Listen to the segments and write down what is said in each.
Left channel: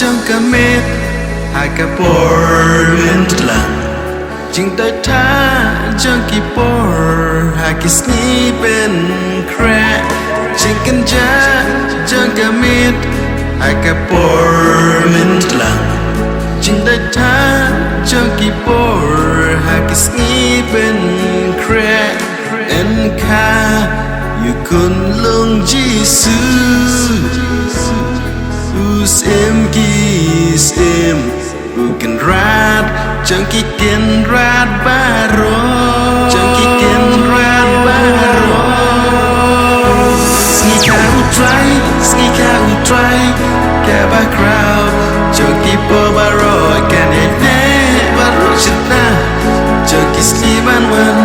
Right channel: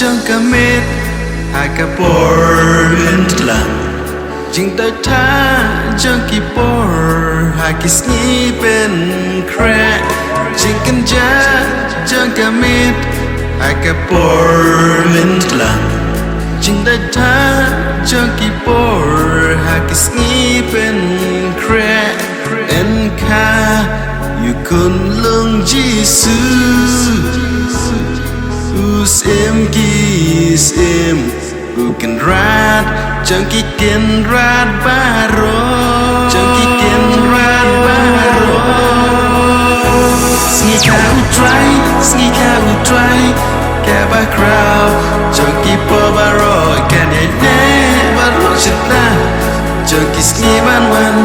trong cả mệt hai cả Portland lang chừng tới tha trong kỳ por hai kỳ ski bên crack chừng cân cha trong cả mệt hai cả Portland lang chừng tới tha trong kỳ por hai kỳ ski bên crack en ca you con lung chi sư em kis em bukan rat jangki ken rat baro jangki ken rat baro Sngikha U Trai kaba crowd jangki po baro kan ye baro chita jangki skiban wan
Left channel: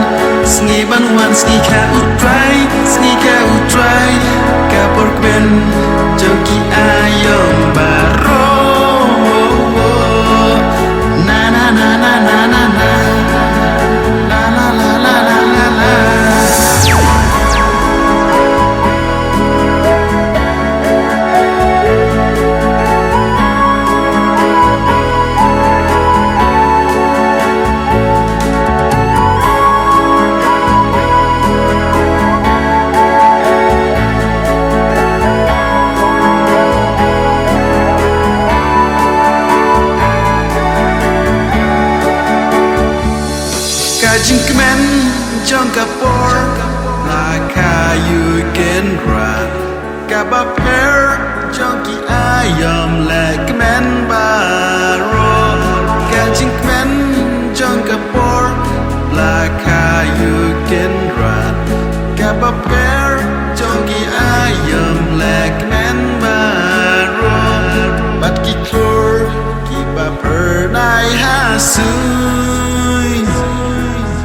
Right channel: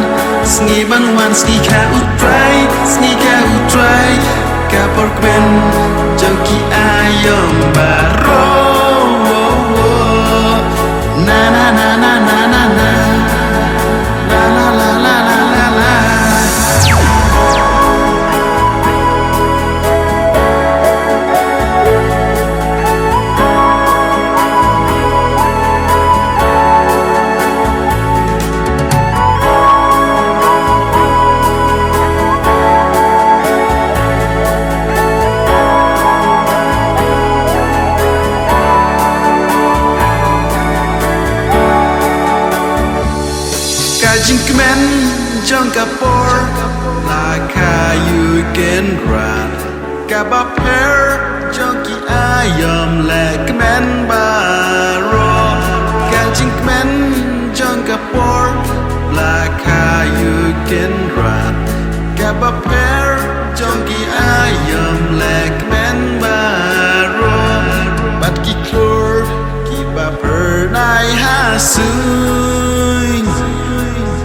Sngikha U Trai kapor ben jangki ayom baro na na na na na na na la la la la la la Kajingmen trong kapor laka you can run kabaper trong ki ayam lekmen baro Kajingmen trong kapor laka you can run kabaper trong ki ayam lekmen baro bat ki klor ki baper nai hasu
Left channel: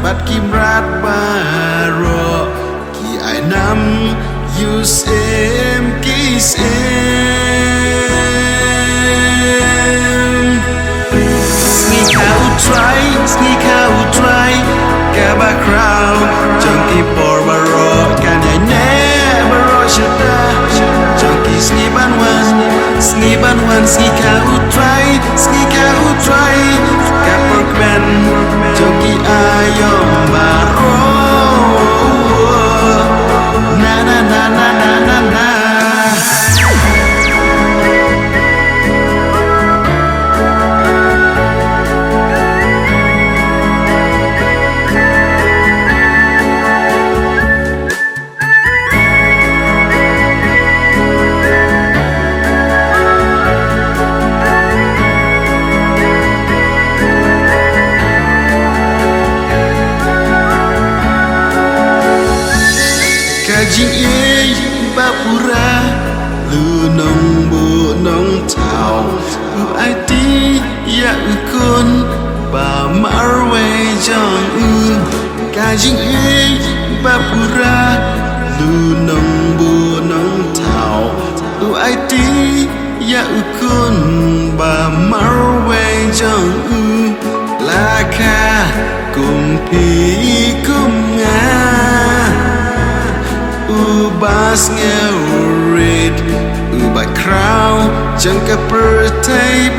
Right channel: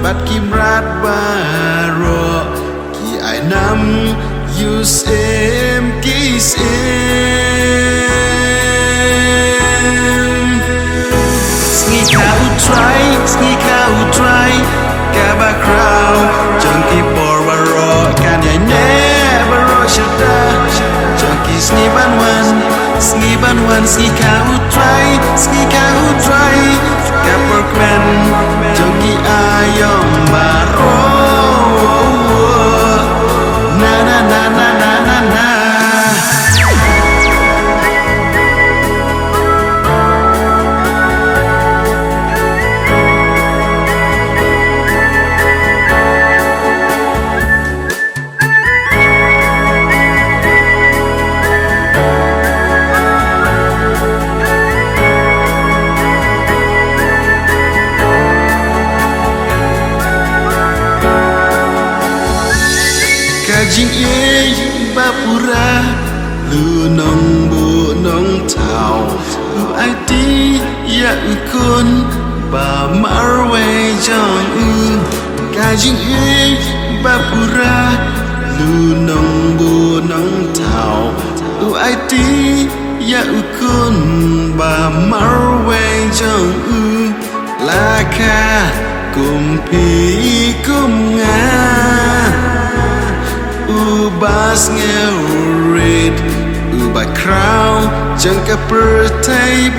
bat ki brat baro ki ai nam use em kis Sngikha U Trai kaba crowd jangki por baro kan ai never shita jangki sniban wan Sngikha U Trai kapor ben jangki ayom baro na na na na na na na Kajing bapura lu nong bu nong tao lu ai ti ya kun ba marwe jong Kajing bapura lu nong bu nong tao lu ai ti ya kun ba marwe jong laka kumpi kumnga bas ngeurit ubah crown jangka pertai